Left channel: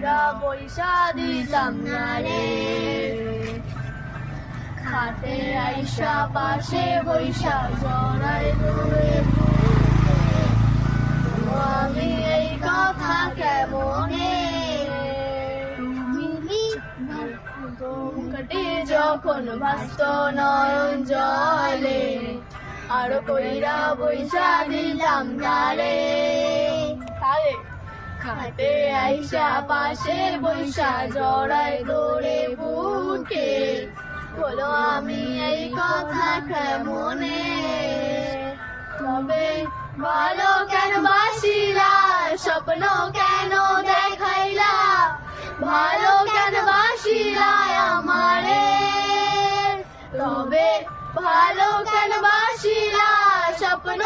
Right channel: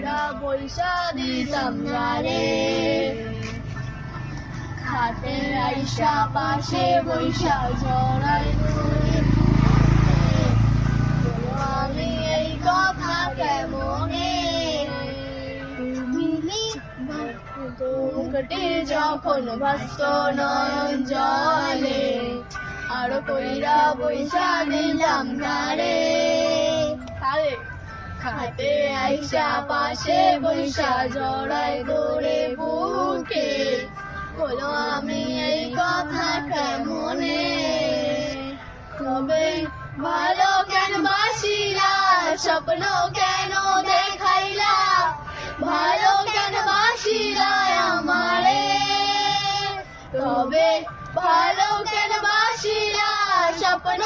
কইরা পয়সা দিতাম না রে। খাতে আইসা পাশে বৈশা জড়াই ধরে আমি এই কথা কেমনে মুখটি যখন ভাস্ত নয়ন জলে আর কইরা বৈশা দিলাম না রে। খাতে আইসা পাশে বৈশা জড়াই ধরে বুকে বলো আমি এই কথা কেমনে। তবে ভালো কেন বাসিলা স্বপ্ন কেন দেখাইলা ভালো কেন বাসিলা আমারে। তবে ভালো কেন বাসিলা স্বপ্ন